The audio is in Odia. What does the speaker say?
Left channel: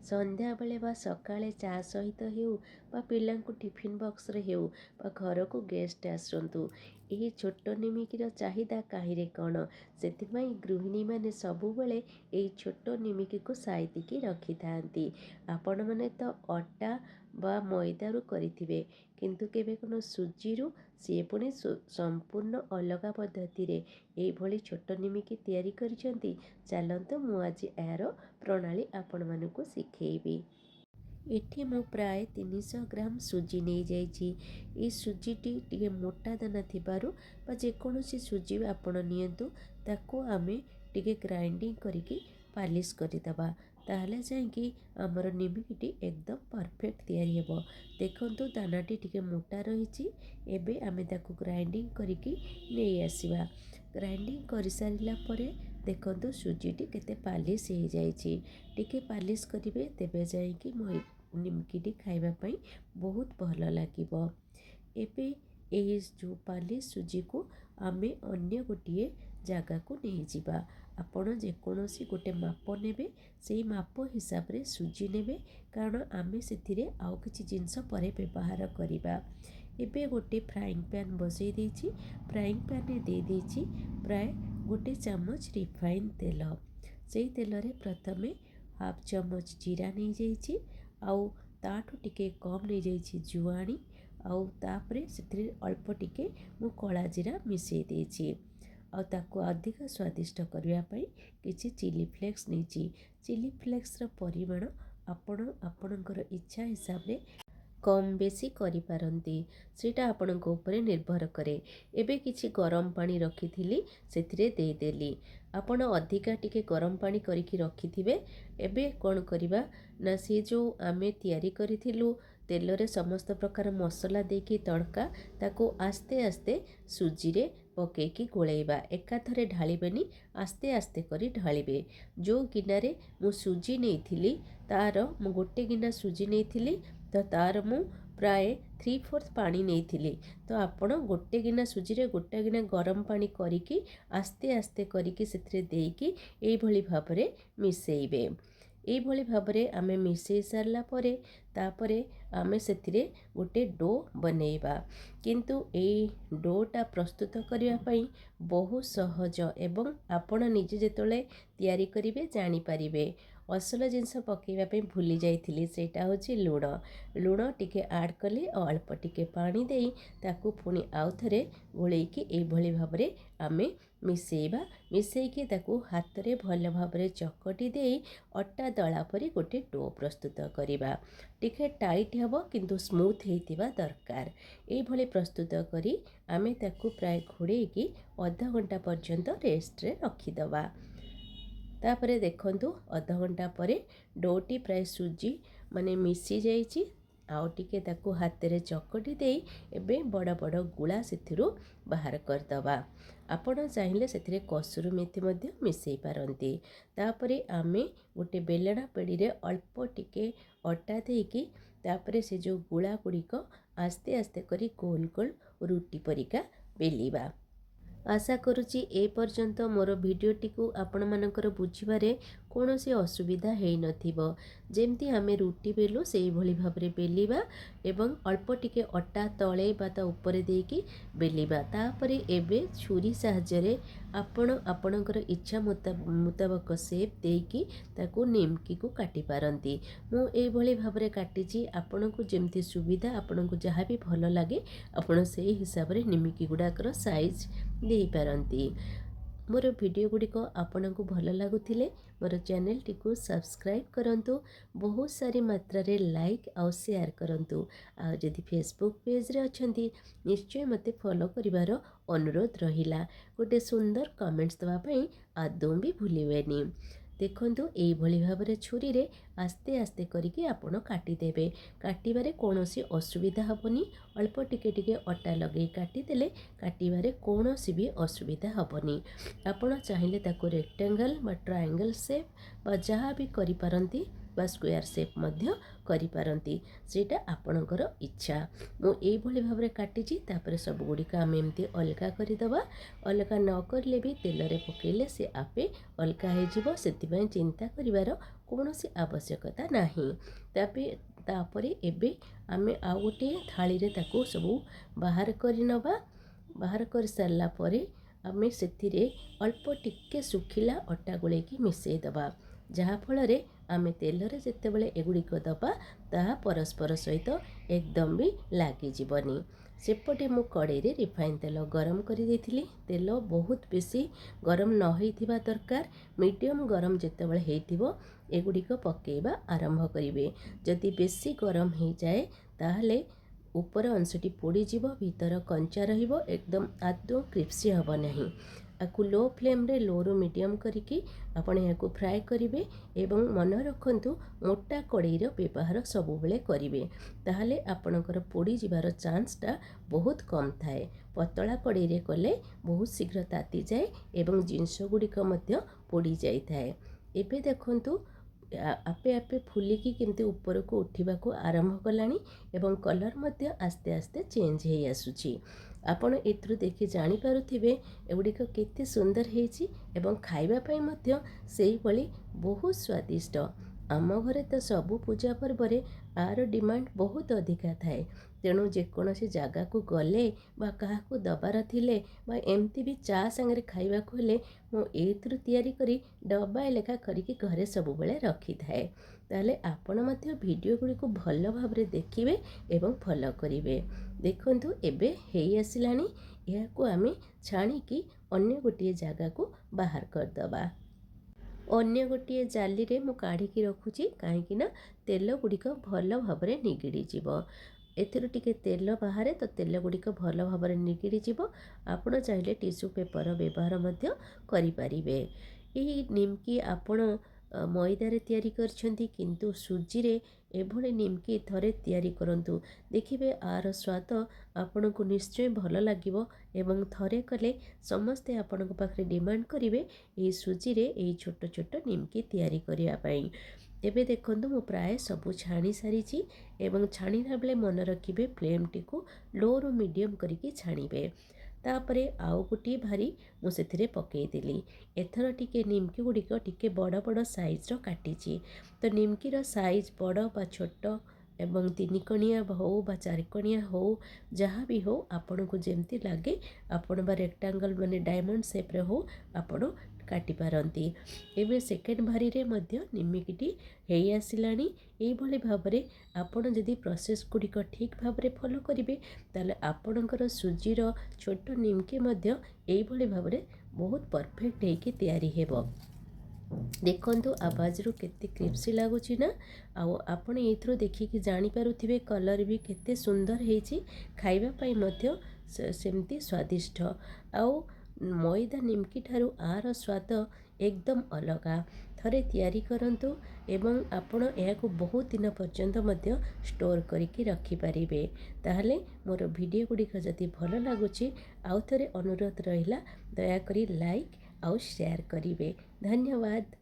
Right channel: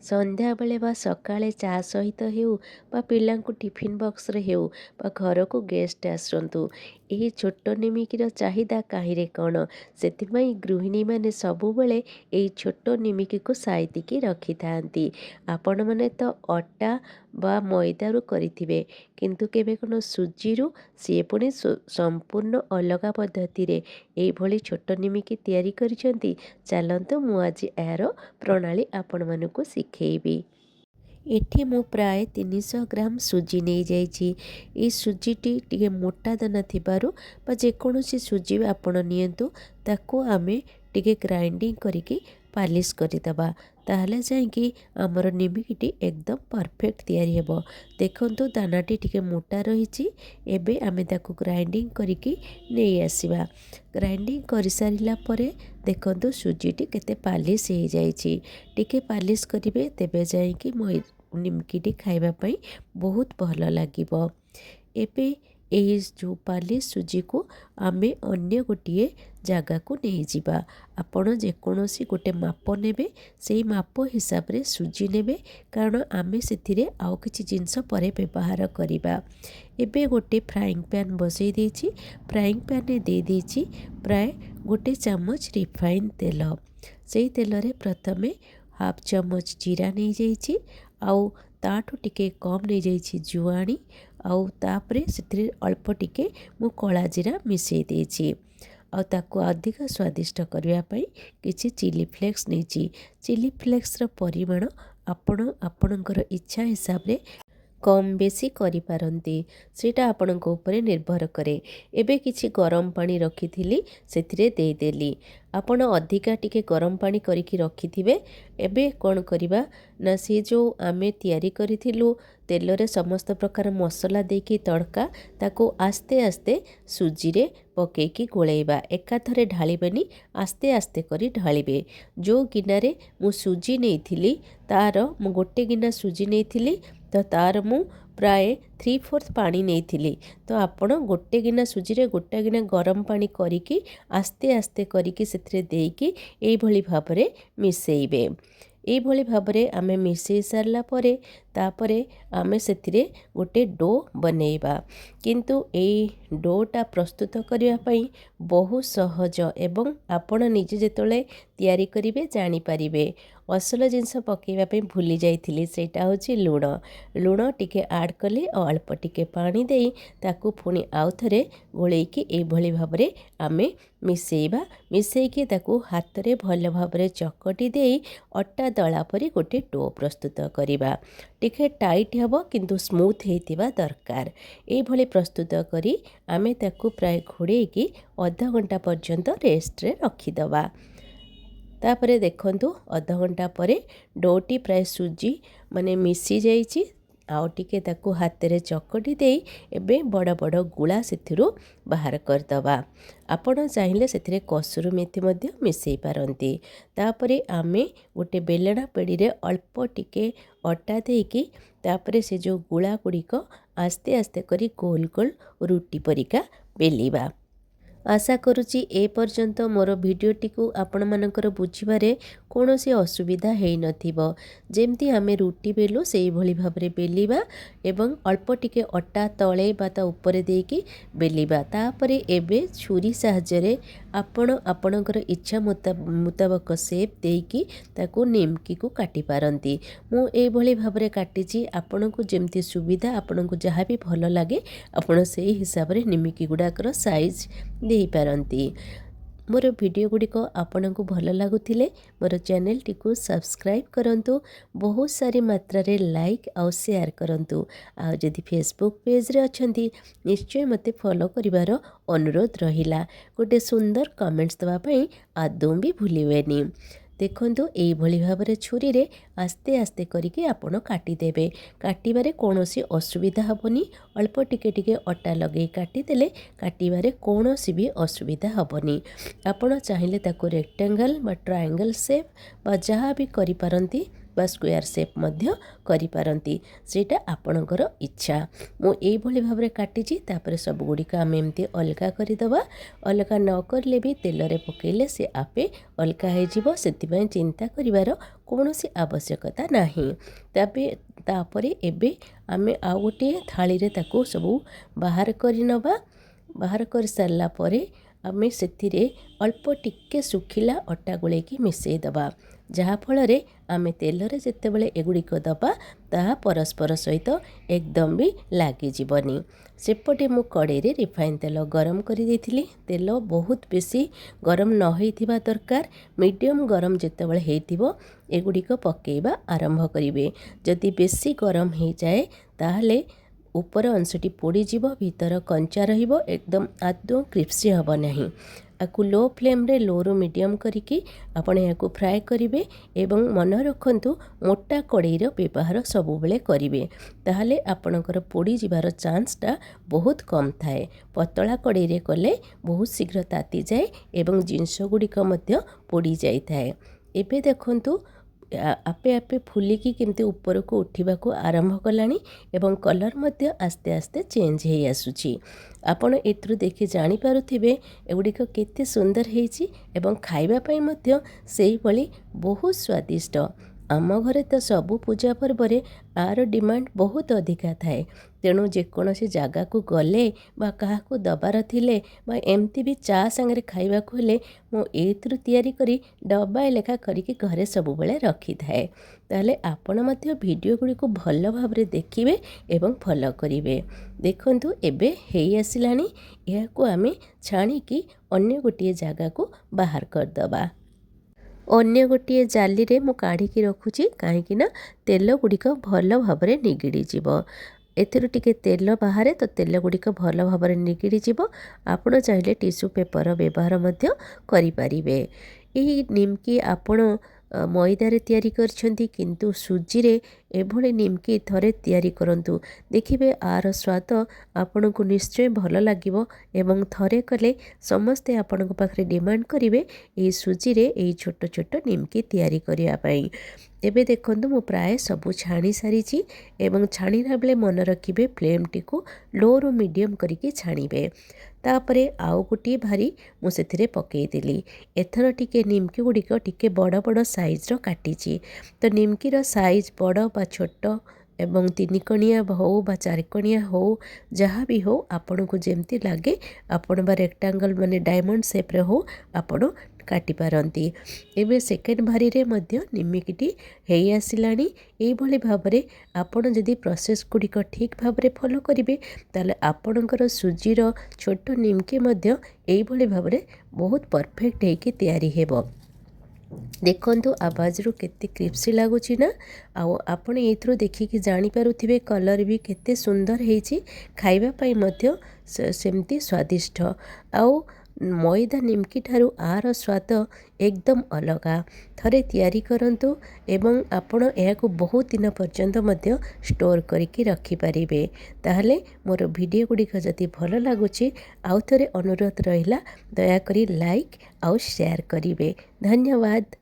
ସନ୍ଧ୍ୟା ବେଳେ ବା ସକାଳେ ଚା ସହିତ ହେଉ ବା ପିଲାଙ୍କୁ ଟିଫିନ୍ ବକ୍ସରେ ହେଉ ବା ଘରକୁ ଗେଷ୍ଟ ଆସନ୍ତୁ, ଏହି ଛୋଟ ନିମିକିର ଚାହିଦା କାହିଁରେ କ'ଣ? ସେଥିପାଇଁ ଗୃହିଣୀମାନେ ସବୁବେଳେ ଏହି ଛୋଟ ନିମିକିକୁ ସାଇତିକି ରଖିଥାନ୍ତି। ଆପଣମାନେ ତ ଅଟା ବା ମଇଦାରୁ କରିଥିବେ, କିନ୍ତୁ କେବେ କ'ଣ ସୁଜିରୁ? ସିଏ ପୁଣି ସମ୍ପୂର୍ଣ୍ଣ ଅଲଗା ପଦ୍ଧତିରେ ଏଇଭଳି ଛୋଟ ନିମିକି ତିଆରି କରିଛନ୍ତି। ଚାଲନ୍ତୁ ମୁଁ ଆଜି ଏହାର ପ୍ରଣାଳୀ ଆପଣମାନଙ୍କୁ ଶିଖେଇବି। ଏଠି ମୁଁ ପ୍ରାୟ 300 ଗ୍ରାମ ସୁଜି ନେଇଯାଇଛି। ଏଇ ସୁଜିଟି ଟିକେ ମୋଟା ଦାନା ଥିବାରୁ ବା ଯେକୌଣସି ସୁଜି ଆପଣ ନିଅନ୍ତୁ, ତାକୁ ଆମେ ଟିକେ ଗ୍ରାଇଣ୍ଡିଙ୍ଗ କରିକି ପାଲିସ୍ କରିଦେବା। ତାହେଲେ ଯାଇକି ଆମର ନିମିକିଟି ଏକଦମ ପରଫେକ୍ଟ ତିଆରି ହେବ। ଦେଖନ୍ତୁ ଦାନାଟି ଟିକେ ମୋଟା ରହିଛି। ଏବେ ଆମେ ତାକୁ ଗ୍ରାଇଣ୍ଡିଙ୍ଗ କରିକି ନେଇ ଆସିବା। ଗ୍ରାଇଣ୍ଡିଙ୍ଗ କରିସାରିଲା ପରେ ଦେଖନ୍ତୁ ସୁଜିଟି କେତେ ପାଲିସ୍ ହେଇଯାଇଛି। ଟିକେ ପାଲିସ୍ କରିବେ, ତେବେ ଯାଇକି ନିମିକିଟି ଖାଇବା ପାଇଁ ବହୁତ ଭଲ ଲାଗିବ। ଏବେ ଏହି ଯେଉଁ ପାଲିସ୍ ସୁଜିକୁ ଆମେ ଅନ୍ୟ ଗୋଟିଏ ଜାଗାକୁ ନେଇଯିବା। ଆପଣ ଯେକୌଣସି ଗୋଟେ ମାପ ନେବେ, ସେଇ ମାପ ହିସାବରେ ସୁଜି ନେବେ, କାରଣ ଆମେ ସେଥିରେ ଆଉ କିଛି ଜିନିଷ ପରେ ବ୍ୟବହାର କରିବା। ଏବେ ଗୋଟେ ଫ୍ରାଇଂ ପ୍ୟାନ୍ ବସେଇ ଦେଇଛି। ଫ୍ରାଇଂ ପ୍ୟାନ୍ରେ ଦେଇ ଦେଇଛି ପ୍ରାୟ 1 ଚାମଚ ରିଫାଇନ୍ ତେଲ। ସେଇ ତେଲରେ ପ୍ରଥମେ ହାଫ୍ ଚାମଚ ଜିରା ନେଇଯାଇଛି, ଆଉ ତାଠୁ ଟିକେ କମ୍ ନେଇଯାଇଛି ଜୁଆଣି, ଆଉ ତାପରେ ସେଥିରେ ଅଳ୍ପ ଟିକେ ମୁଁ କଳା ଜିରା ମିଶାଇ ଦେଇଛି। ଆଉ ତାକୁ ଅଧିକ ସ୍ୱାଦିଷ୍ଟ କରିବା ପାଇଁ କିଛି ଚିଲି ଫ୍ଲେକ୍ସ ନେଇଛି। ଚିଲି ଫ୍ଲେକ୍ସର ପରିମାଣ ଆପଣ ଆପଣଙ୍କର ଇଚ୍ଛା ହିସାବରେ କମ୍ ବେଶୀ କରିପାରନ୍ତି, ସେଇଟା ଆପଣଙ୍କ ଉପରେ ନିର୍ଭର କରେ। ଏବେ କିଛି ଗରମ ପାଣି ରଖିଥିଲି, ସେଥିରେ ଦେଇଦେଲି। ଆପଣ ଅଧିକା ଟିକେ ଗରମ ପାଣି କରିକି ରଖିଥିବେ। ଏବେ କ'ଣ କରିବା ନା, ସେ ଯେଉଁ ଆମେ ତିଆରି କରିଥିଲୁ ତେଲରେ ସମସ୍ତ ପ୍ରକାର ମସଲା ଦେଇକି ତଡ଼କା, ତାକୁ ଆସ୍ତେ ଆସ୍ତେ ସୁଜିରେ ପକେଇକି ଗୋଳେଇବା। ଏକାଥରେ ଢାଳିବେନି, ଆସ୍ତେ ଆସ୍ତେ କରି ଢାଳିବେ। ଯେଉଁ ଗିନାରେ ମୁଁ ସୁଜି ନେଇଥିଲି, ମୁଁ ଗୋଟେ ଗିନା ସୁଜି ନେଇଥିଲି, ତ ତାର ମୁଁ ପ୍ରାୟ 3/4 ପାଣି ନେଇଥିଲି। ତ ଆପଣ ଗୋଟେ ଗିନା ସୁଜିରେ ଗୋଟେ ଗିନା ଗରମ ପାଣି କରିକି ଆସ୍ତେ ଆସ୍ତେ କରିକି ସେଥିରେ ଦେଇକି ଏଇଭଳି ଭାବରେ ମିଶାଇବେ। ଏଇଭଳି ଭାବରେ ଆମେ ମିଶାଇ ସାରିଲା ପରେ ତାପରେ ଆମେ ସେଥିରେ ଗୋଟେ ଡୋ ବନେଇବା। କିନ୍ତୁ ଏଇ ଡୋଟା ପ୍ରସ୍ତୁତ କରିବା ପାଇଁ ବହୁତ ସହଜ, ଏବଂ ଆପଣ ନିଜେ ଯେତେବେଳେ ତିଆରି କରିବେ ଜାଣିପାରିବେ। ଅସଲ ଜିନିଷ ପକାଇବା ପାଇଁ ଭୁଲି ଯାଇଥିଲି, ସେଇଟା ହେଉଛି ଲୁଣ। ଲୁଣ ଟିକେ ଆଡ଼୍ କଲେ ଆଉ ଅଳ୍ପ ଟିକେ ପାଣି ଦେଇ ତାକୁ ପୁଣି ଆଉଥରେ ଗୋଳେଇକି ଏଇଭଳି ଭାବରେ ଆମେ ମିଶାଇବା। ମିଶାଇକି ତାକୁ ହାତରେ ଭଲ ଭାବରେ ଚକଟି ଦେଇ ଅଟା ଦଳା ପରି ଗୋଟେ ଡୋ ପ୍ରସ୍ତୁତ କରିବା। ଟିକେ ଟାଇଟ୍ ହେବ, କିନ୍ତୁ ସ୍ମୁଥ୍ ହେଇଥିବା ଦରକାର। ଏଇଭଳି ପ୍ରସ୍ତୁତ କରି ଆମେ ତାକୁ ପ୍ରାୟ ଘୋଡ଼େଇକି ଅଧଘଣ୍ଟା ପର୍ଯ୍ୟନ୍ତ ରେଷ୍ଟରେ ରଖିଦେବା। ତାପରେ ଦେଖନ୍ତୁ ଅଧଘଣ୍ଟା ପରେ ଡୋଟି ପ୍ରାୟ ସୁଜି ମିଶି ଯାଇଛି। ଆଉ ଟିକେ ତାକୁ ହାତରେ ଚକଟି ଦେଇ ଏବେ ବଡ଼ ବଡ଼ ଗୁଳା ସେଥିରୁ ବାହାର କରିଦେବା। ଆପଣ ଚାହିଁଲେ ସେଥିରେ କସୁରୀ ମେଥି ମଧ୍ୟ ମିଶାଇ ପାରନ୍ତି। ତାପରେ ଆମେ ଗୋଟେ ବେଲଣା ପେଡ଼ିରେ ଅଳ୍ପ ଟିକେ ଅଟା ଦେଇକି ତାପରେ ସେ ଯେଉଁ ଗୁଳା ଗୁଡ଼ିକ ଆସ୍ତେ ଆସ୍ତେ କରି ଗୋଲ ଗୋଲ ରୁଟି ପରିକା ବେଲିବା। ଆଶା କରୁଛି ଏପର୍ଯ୍ୟନ୍ତ ମୋର ଭିଡ଼ିଓଟିକୁ ଆପଣମାନଙ୍କର ବୁଝିବାରେ କୌଣସି ଅସୁବିଧା ହେଇନଥିବ। ଯେମିତି ଆମେ ରୁଟି ବେଲୁ ସେଇଭଳି ଭାବରେ ବେଲିବା, ଏବଂ ଅଳ୍ପ ଟିକେ ଅଟା ତଳେ ବା ତା ଉପରେ ଦେଇକି ବେଲିବା। ତାପରେ ଏବେ ଛୁରୀ ସାହାଯ୍ୟରେ ଆପଣ ଆପଣଙ୍କର ଇଚ୍ଛା ମୁତାବକ ସେପ୍ ଦେଇକି ତାକୁ ନିମକିକୁ କାଟି ପାରନ୍ତି। ମୁଁ ଏଇଭଳି ଭାବରେ କାଟିଛି। ଆପଣଙ୍କୁ ଯେମିତି ସୁବିଧା, ଆପଣଙ୍କୁ ଯାହା ବି ଭଲ ଲାଗେ ଆପଣ ସେଇ ହିସାବରେ ନିମିକି ଗୁଡ଼ାକର ସାଇଜ୍ ଦେଇପାରନ୍ତି। ମୋର ଭିଡ଼ିଓ ଗୁଡ଼ିକ ଆପଣଙ୍କୁ ଭଲ ଲାଗୁଥିଲେ ମୋର ଚ୍ୟାନେଲଟିକୁ ସବସ୍କ୍ରାଇବ୍ କରନ୍ତୁ, ବହୁତ ସାରି ମାତ୍ରାରେ ଲାଇକ୍ ଆଉ ସେୟାର କରନ୍ତୁ। ଆଉ ଯଦି ଫେସବୁକ୍ ପେଜ୍ରେ ଅଛନ୍ତି, ନିଶ୍ଚୟ ମୋତେ ଫଲୋ କରିବାର ଅନୁରୋଧ ରହିଲା। ଗୋଟେ ସୁନ୍ଦର କମେଣ୍ଟସ୍ ଦେବା ପାଇଁ ଆଦୌ ବି ଭୁଲିବେନି। ଦେଖନ୍ତୁ ଏଇଭଳି ଭାବରେ ଛୁରୀରେ ଆସ୍ତେ ଆସ୍ତେ କରିକି ଆପଣ କାଟିଦେବେ। କାଟିବାରେ କୌଣସି ଅସୁବିଧା ହେବନି। ଅଳ୍ପ ଟିକେ ଟିକେ ଅଟା ଲଗାଇ କାଟିଦେଲେ କାଟିବାରେ କୌଣସି ବି ଅସୁବିଧା ହେବନି। ଆପଣ ଚାହିଁଲେ ତାକୁ ରେକ୍ଟାଙ୍ଗଲ୍ ବା ଟ୍ରାୟାଙ୍ଗଲ୍ ସେପ୍ ବା ଯାହା ବି କରିପାରନ୍ତି बा स्क्वायर शेप मध्य करिपारंती सेटा आपणकर इच्छा। मु एइभली भाबरे काटिची तापर सब गुड़िक आम एमती अलगा करदेवा। अलगा न करले भी तेलरे पकेले से आपे अलगा हो से चिंता करिवार कौनसी आवश्यकता नहीं। तापरे एबे आमे आ गोटे थाली रे ताको सबू बाहर करि नबा। बाहर कर सारा पर आमे सेथिरे अल्प टिके सुखिला अटा गोलेकी मिसई दबा, जहाँफल आमे तेलरे जेतेबेले एगुड़िक दबा ताहा परस्पर सहित एकदम भी लागिजिबनी। सेपटे मु कड़े रे रिफाइन तेल गरम करि देथिली। तेल बहुत बेसी गरम न होइथिबा दरकार, मीडियम गरम जेतेबेले हेइथिबो एगुड़िक पकेइबा आरंभ करिवे। जदि बेसी गरम हो जाए ताहले ऊपर अंशटी पोड़ीजीव, भीतर कंचा रहिबो, एकदम आदौ क्रिप्सी हब नहीं। आपको लो फ्लेम रे लो रु मीडियम करिकी आपण याको फ्राए करिवे एवं मन रखंतु मोटा कड़ईर व्यवहार सबुबले करिवे, ताहले आपणकर पोड़ी जिबार चांसटा बहुत कम थाए। पतला कड़ई रे कले बहुत शीघ्र ताती जाए एवं जिनस गुड़िक मध्य पोड़ी जाई थाए। एबे देखंतु आपे आपे फुलिकी केमती ऊपर को उठा आरंभ कलानी एवं कलर मध्य आस्ते आस्ते चेंज हो आसुची। आपण एथुरु देखि जानि पारुथिबे एगुड़िक केते सुंदर हेइची एवं खाइबा पई मध्य सेही भली बहुत स्वादिष्ट। आम घरे तो सबु पूजा पर्व रे आर डिमांड बहुत अधिका थाए। तेणु जेकोसी जगह को गले बा काहाकू दबार थिले बा एमती भी चा सांगरे खाइबाकू हेले मो एइथुरु तयारी करी डब्बाए लेखा करिकी घरे सबुबेले रखी थाए। ताहले आपण मध्य वीडियो गुड़ी को भल भाबरे देखिबे एवं फॉलो करिवे। देखंतु एबे हेई आसिलानी, याकू आमे छाणीकी अन्य गोटिए जगह को बाहर करदबा। अन्य गोटे जाली रे मु काढ़ी रखुची कहीं तेल गुड़िक भल भाबरे निगिड़ी जीवो। एथिरु टिके तेल बाहर तो तेल गुड़िक भल भाबरे निगिड़ी जीवो। आपण चाहिले टिश्यू पेपर व्यवहार मध्य करि परिबे। एही निमकी आपण मैदारे तैयारी करछंती किंतु सुजी रे एभले निमकी थरे तैयारी करंतु, देखिबे आर स्वाद आपन को निश्चय भल लागिबो एवं थरे कले समस्ते आपन को पाखरे डिमांड करिवे ए सुजी रे ए छोट छोट निमकी तैयारी करिया पई। एबे देखंतु मु प्राय सबु छाणी सारिची एवं छाणीला बेले मन रखिबे फ्लेम टी को लो रु मीडियम करिके छाणीबे। तापरे आउ गोटे भारी मु सेथिरे पकई देली। एथर टिके निमकी गुड़िक टिके बड़ बड़ साइज रो काटिची। तो निमकी रो साइज बड़ बा छोट एवं 3 कणिया हो बा 4 कणिया हो जहाँ भी हो आपन को जेमती लागे आपन बा रेक्टांगल माने डायमंड शेप रे हो आपन काटी पारंती। एबे सेकेंड भारी रे मध्य निमिकीटी हेई आसिलानी। एई भली भाबरे आपण जदि प्रोसेस गुड़िक ठीक भाबरे फॉलो करिवे ताले आपणकर सुजीर छोट निमकी मध्य एई भली भाबरे बहुत परफेक्ट हेकी तैयारी हेबो। देखंतु आवाज रू केते क्रिप्सी लागुची ना। आउ आपण एथरो देखिकी जानि पारुथिबे कलर भी केते सुंदर हेची, खाइबा पई मध्य सेमती स्वादिष्ट। आउ मैदा निमकी ठारू आर स्वाद एकदम अलगा। थरे तैयारी करंतु एवं आपण एहाकू बहुत दिन पर्यंत मध्य स्टोर करिकी रखी परिबे। ताहले मोर वीडियो गुड़िक जदि भल लागुची आउ थरे अनुरोध रहिला दया करी लाइक आउ शेयर करिवे। धन्यवाद।